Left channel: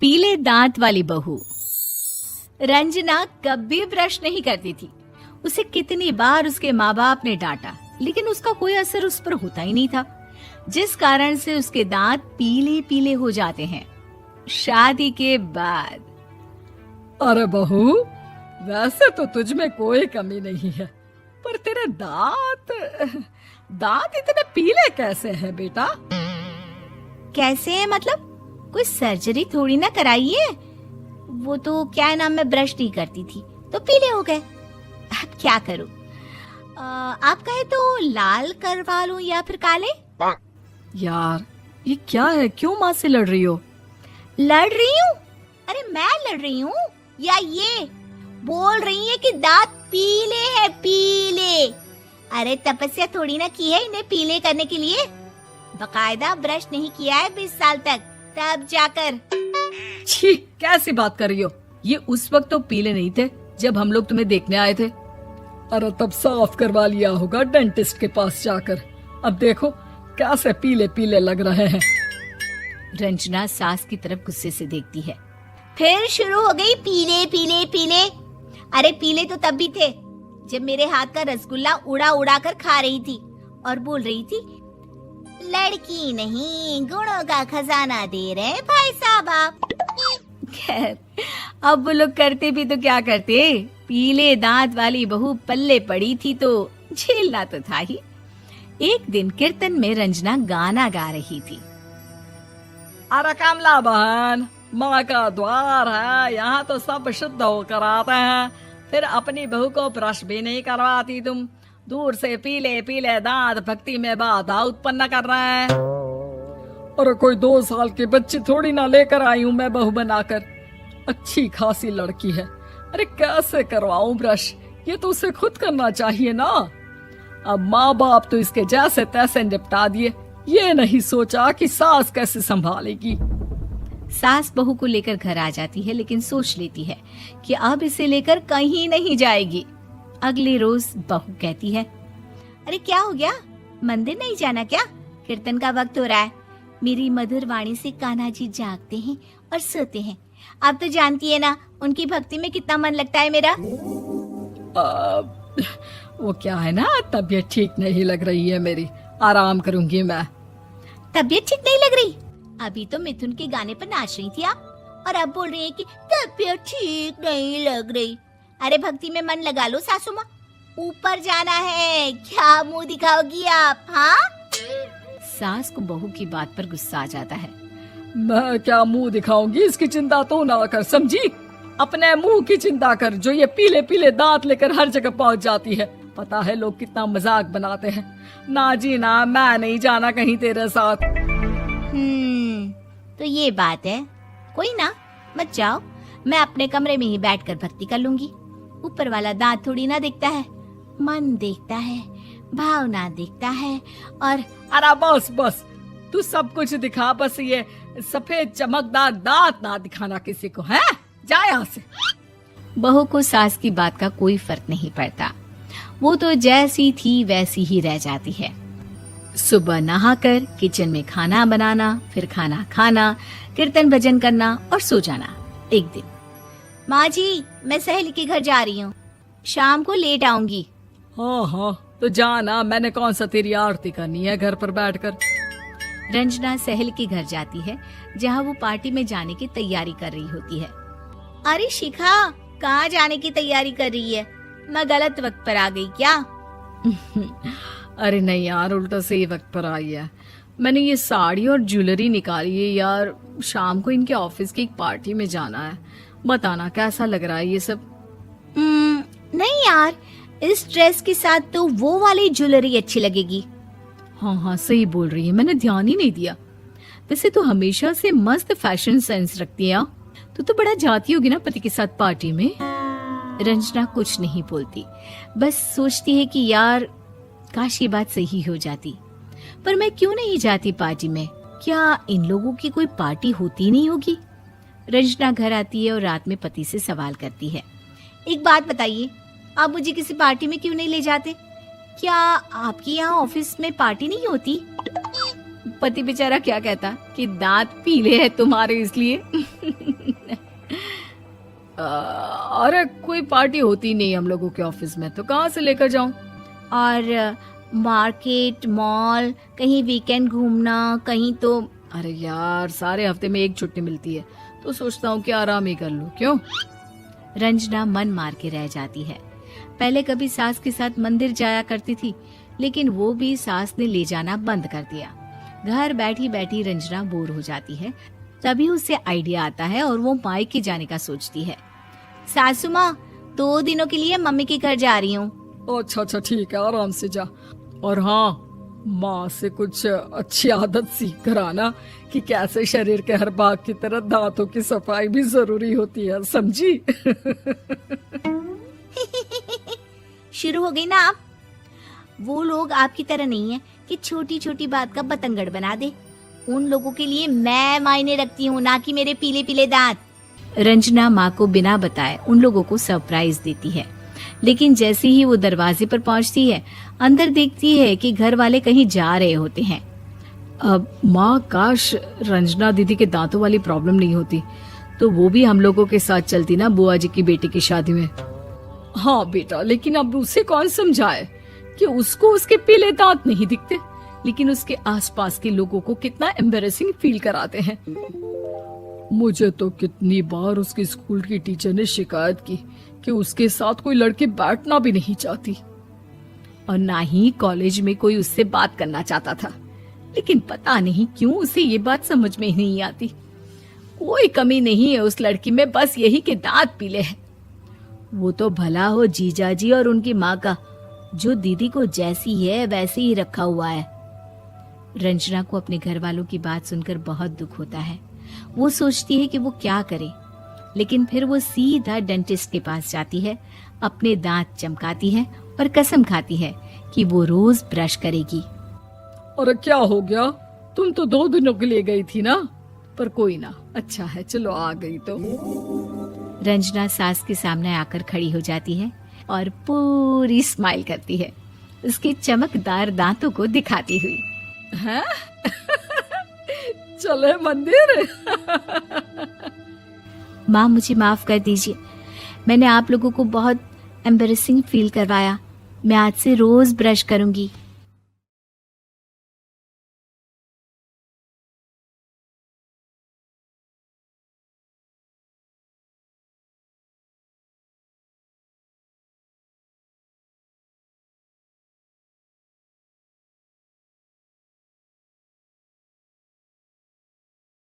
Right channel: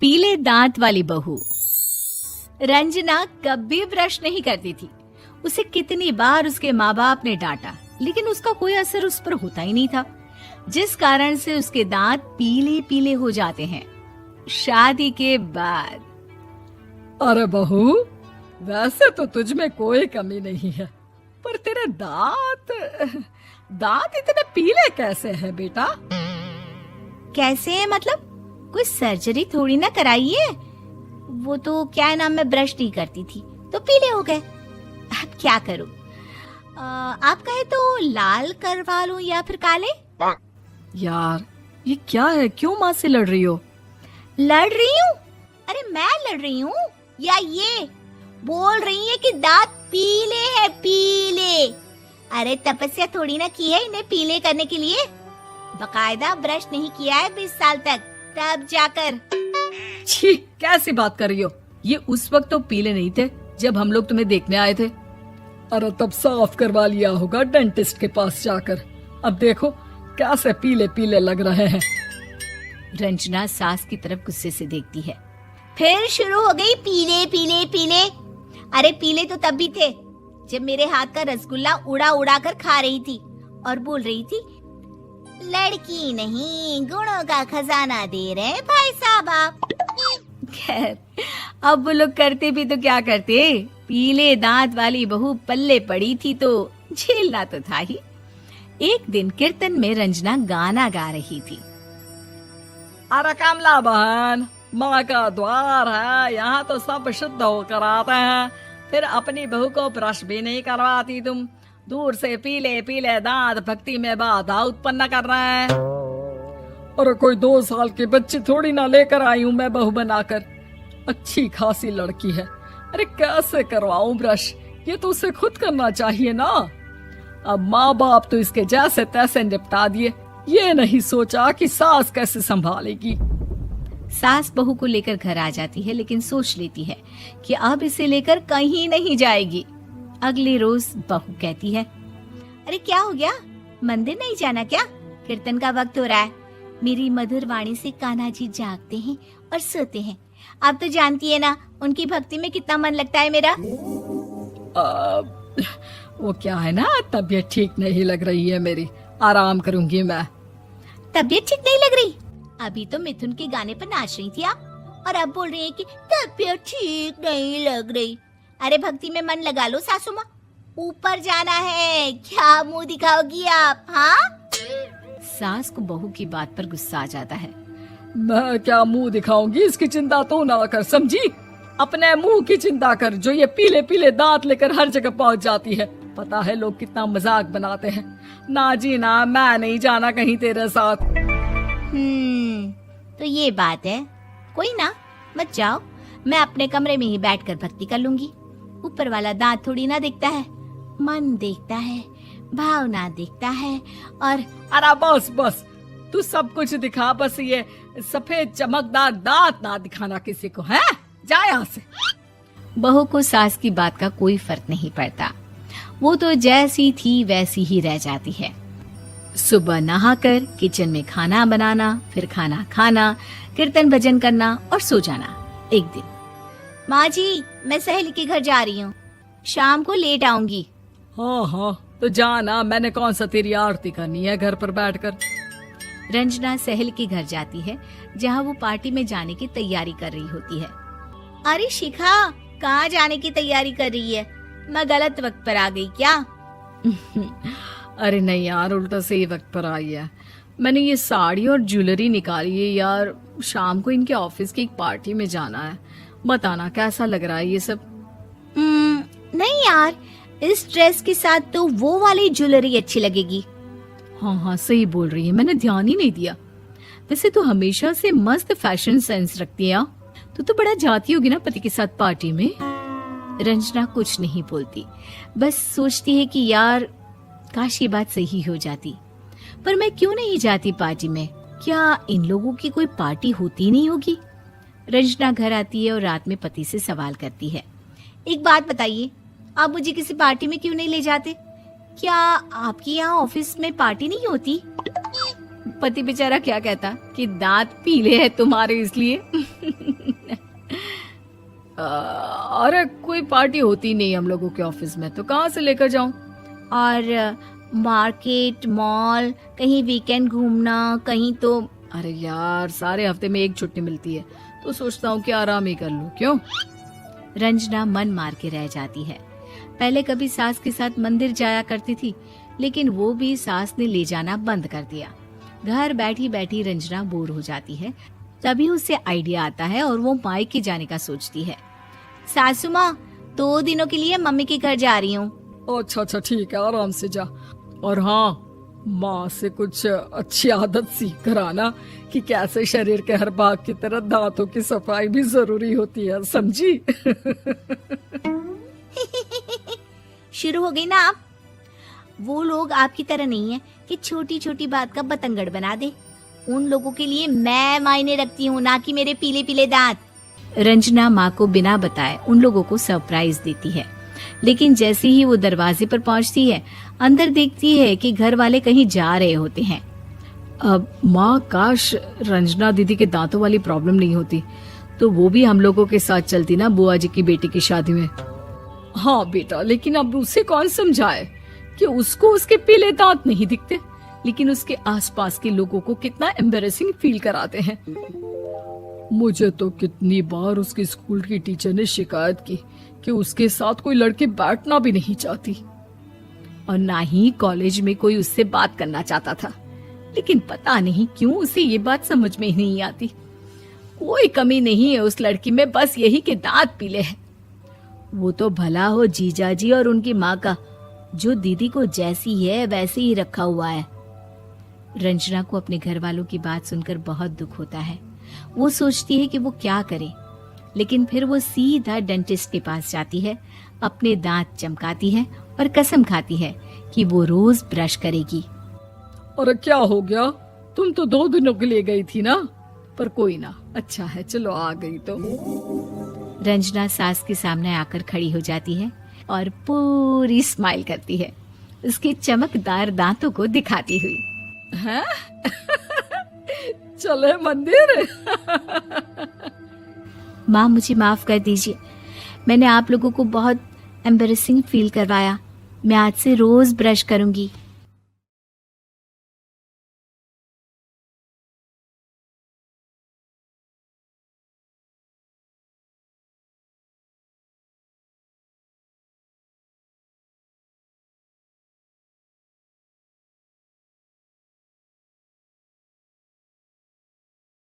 पीले दांत वाली बहू। रंजना कभी ब्रश नहीं करती थी। उसे कितनी बार उसके माँ बाप ने डांटा, लेकिन उसका कोई असर उस पर होता ही नहीं था, जिस कारण से उसके दांत पीले पीले हो जाते हैं। शादी के बाद अरे बहू, वैसे तो तुझ में कोई कमी नहीं है, पर तेरे दांत इतने पीले कैसे हैं बेटा? कैसे मतलब? कोई सर्जरी थोड़ी ना कराइए। वो तो क्या नाम, मैं ब्रश नहीं करती थी तो पीले हो गए। अब क्या करूं? आप कहें तो लाल करवा लूं या फिर काले? यार ये क्या है, क्यों माँ से लड़ रही हो? लड़ रही हूँ? अरे मैं लड़ रही हूँ या ये बोल रही है कि दांत पीले हैं, पीले। अरे तपस्या थोड़ी ना की है इन्हें पीले करने के लिए। बकायदा ब्रश नहीं किया है 20 साल तक, तब जाकर। छी, कैसी बात कर रही हो? ये उस वक्त तो पीले नहीं थे जब हम लोग तुम्हें देखने आए थे। अरे तब साफ करवा लिया होगा डेंटिस्ट के पास जाकर। अब देखो कैसे पीले पीले लग रहे हैं। रंजना सास की तरफ गुस्से से देखती है। फिर शुरू हो गई पीले पीले पीले। अरे पीले तो तब भी थे जब मेरे हाथ का रसगुल्ला उड़ा उड़ा कर खा रही थी और बोल रही थी, लड़की नहीं गुणों का खजाना दे रहे भाई साहब आप। खैर, अब वो लोग करते भी तो क्या करते, पीले दांत वाली बहू पल्ले पड़ी थी तो झेलना तो था ही। एक दिन कीर्तन में रंजना गाना गा रही थी। अरे कमला बहन, माँ का द्वार है, यहाँ तो सब शुद्ध होकर आते हैं, फिर अपनी बहू को ब्रश भी नहीं करवाती तुम। दूर से पीले पीले दांत भक्ति में बाधा उत्पन्न कर रहे हैं। अरे कोई 2 साल की बच्ची थोड़ी ना लेकर आई हूँ मैं बहू बनाकर। अच्छी खासी लड़की है, अरे कैसे करवाऊं ब्रश? ये तो उसे खुद करना चाहिए ना। अब माँ बाप तो इसके जैसे तैसे निपटा दिए, ये नहीं सोचा कि सास कैसे संभालेगी। सास बहू को लेकर घर आ जाती है, लेकिन सोच लेती है कि अब इसे लेकर कहीं नहीं जाएगी। अगले रोज बहू कहती है, अरे क्या हो गया, मंदिर नहीं जाना क्या? कीर्तन का वक्त हो रहा है। मेरी मधुर वाणी से कान्हा जी जागते हैं और सोते हैं। आप तो जानती है ना उनकी भक्ति में कितना मन लगता है मेरा। वो क्या है ना, तबीयत ठीक नहीं लग रही है मेरी, आराम करूंगी मैं। तबीयत ठीक नहीं लग रही? अभी तो मिथुन के गाने पर नाच रही थी आप, और अब बोल रही है कि तबीयत ठीक नहीं लग रही। अरे भक्ति में मन लगा लो सासू माँ, ऊपर जाना है, क्या मुंह दिखाओगी आप? हाँ? सास को बहू की बात पर गुस्सा आ जाता है। मैं क्या मुंह दिखाऊंगी, इसकी चिंता तो ना कर, समझी? अपने मुंह की चिंता कर, जो ये पीले पीले दांत लेकर हर जगह पहुंच जाती है। पता है लोग कितना मजाक बनाते हैं। ना जी ना, मैं नहीं जाना कहीं तेरे साथ। तो ये बात है, कोई ना, मत जाओ, मैं अपने कमरे में ही बैठकर भक्ति कर लूंगी। ऊपर वाला दांत थोड़ी ना देखता है, मन देखता है, भावना देखता है। और अरे बस बस, तू सब कुछ दिखा, बस ये सफेद चमकदार दांत ना दिखाना किसी को, है? जा यहाँ से। बहू को सास की बात का कोई फर्क नहीं पड़ता, वो तो जैसी थी वैसी ही रह जाती है। सुबह नहाकर किचन में खाना बनाना, फिर खाना खाना, कीर्तन भजन करना और सो जाना। एक दिन, माँ जी मैं सहेली के घर जा रही हूँ, शाम को लेट आऊंगी। हाँ हाँ तो जाना, मैंने कौन सा तेरी आरती करनी है घर पर बैठकर। रंजना सहेली के घर जाती है, जहाँ वो पार्टी में जाने की तैयारी कर रही होती है। अरे शिखा, कहाँ जाने की तैयारी कर रही है? मैं गलत वक्त पर आ गई क्या? अरे नहीं यार, उल्टा सही वक्त पर आ गया। मैंने ये साड़ी और ज्वेलरी निकाली है यार, शाम को इनके ऑफिस की एक पार्टी में जाना है। बताना कैसा लग रहा है ये सब? नहीं यार, इस ड्रेस के साथ तो वो वाली ज्वेलरी अच्छी लगेगी। हाँ हाँ सही बोल रही है, मैंने ध्यान ही नहीं दिया। वैसे तो हमेशा से मस्त फैशन सेंस रखती है। तो बड़ा जाती होगी ना पति के साथ पार्टी में। रंजना कुछ नहीं बोलती, बस सोचती है कि यार काश ये बात सही हो जाती, पर मैं क्यों नहीं जाती पार्टी में? क्या इन लोगों की कोई पार्टी होती नहीं होगी? रंजना घर आती है और रात में पति से सवाल करती है, एक बात बताइए, आप मुझे किसी पार्टी में क्यों नहीं ले जाते? क्या आपके यहाँ ऑफिस में पार्टी नहीं होती? पति बेचारा क्या कहता कि दांत पीले हैं तुम्हारे इसलिए। अरे कोई पार्टी होती नहीं हम लोगों के ऑफिस में, तो कहाँ से लेकर जाऊं? और मार्केट, मॉल, कहीं वीकेंड घूमना, कहीं तो। अरे यार, सारे हफ्ते में एक छुट्टी मिलती है, तो सोचता हूँ कि आराम ही कर लूं। क्यों? रंजना मन मार के रह जाती है। पहले कभी सास के साथ मंदिर जाया करती थी, लेकिन वो भी सास ने ले जाना बंद कर दिया। घर बैठी बैठी रंजना बोर हो जाती है। तभी उसे आइडिया आता है और वो मायके जाने का सोचती है। सासू माँ, 2 दिनों के लिए मम्मी के घर जा रही हूँ। अच्छा अच्छा, ठीक है, आराम से जा। और हाँ, माँ से कुछ अच्छी आदत सीख कर आना कि कैसे शरीर के हर भाग की तरह दांतों की सफाई भी जरूरी होती है, समझी? शुरू हो गई ना आप। वो लोग आपकी तरह नहीं है कि छोटी छोटी बात का बतंगड़ बना दे। उन लोगों के लिए मैं मायने रखती हूँ, ना कि मेरे पीले पीले दांत। रंजना माँ को बिना बताए उन लोगों को सरप्राइज देती है, लेकिन जैसे ही वो दरवाजे पर पहुंचती है, अंदर देखती है कि घर वाले कहीं जा रहे होते हैं। अब माँ, काश रंजना दीदी के दांतों वाली प्रॉब्लम नहीं होती, तो वो भी हम लोगों के साथ चलती ना बुआ जी की बेटी की शादी में। हाँ बेटा, लेकिन अब उसे कौन समझाए कि उसको उसके पीले दांत नहीं दिखते, लेकिन उसके आसपास के लोगों को कितना एम्बैरेसिंग फील कराते हैं। मुझे तो कितनी बार उसके स्कूल की टीचर ने शिकायत की कि उसके साथ कोई लड़की बैठना भी नहीं चाहती, और ना ही कॉलेज में कोई उससे बात करना चाहता था। लेकिन पता नहीं क्यों उसे ये बात समझ में ही नहीं आती। कोई कमी नहीं है उस लड़की में, बस यही कि दांत पीले हैं। वो तो भला हो जीजा जी और उनकी माँ का, जो दीदी को जैसी है वैसे ही रखा हुआ है। रंजना को अपने घर वालों की बात सुनकर बहुत दुख होता है। वो सोचती है कि वो क्या करे, लेकिन फिर वो सीधा डेंटिस्ट के पास जाती है, अपने दांत चमकाती है और कसम खाती है कि वो रोज ब्रश करेगी। अरे क्या हो गया? तुम तो 2 दिनों के लिए गई थी ना, पर कोई ना, अच्छा है, चलो आ गई तो। रंजना सास के सामने आकर खड़ी हो जाती है और पूरी स्माइल करती है, उसके चमकदार दांतों को दिखाती हुई। हैं? चले मंदिर। माँ, मुझे माफ कर दीजिए, मैंने आप लोगों को बहुत एम्बैरेसिंग फील करवाया। मैं आज से रोज ब्रश करूंगी।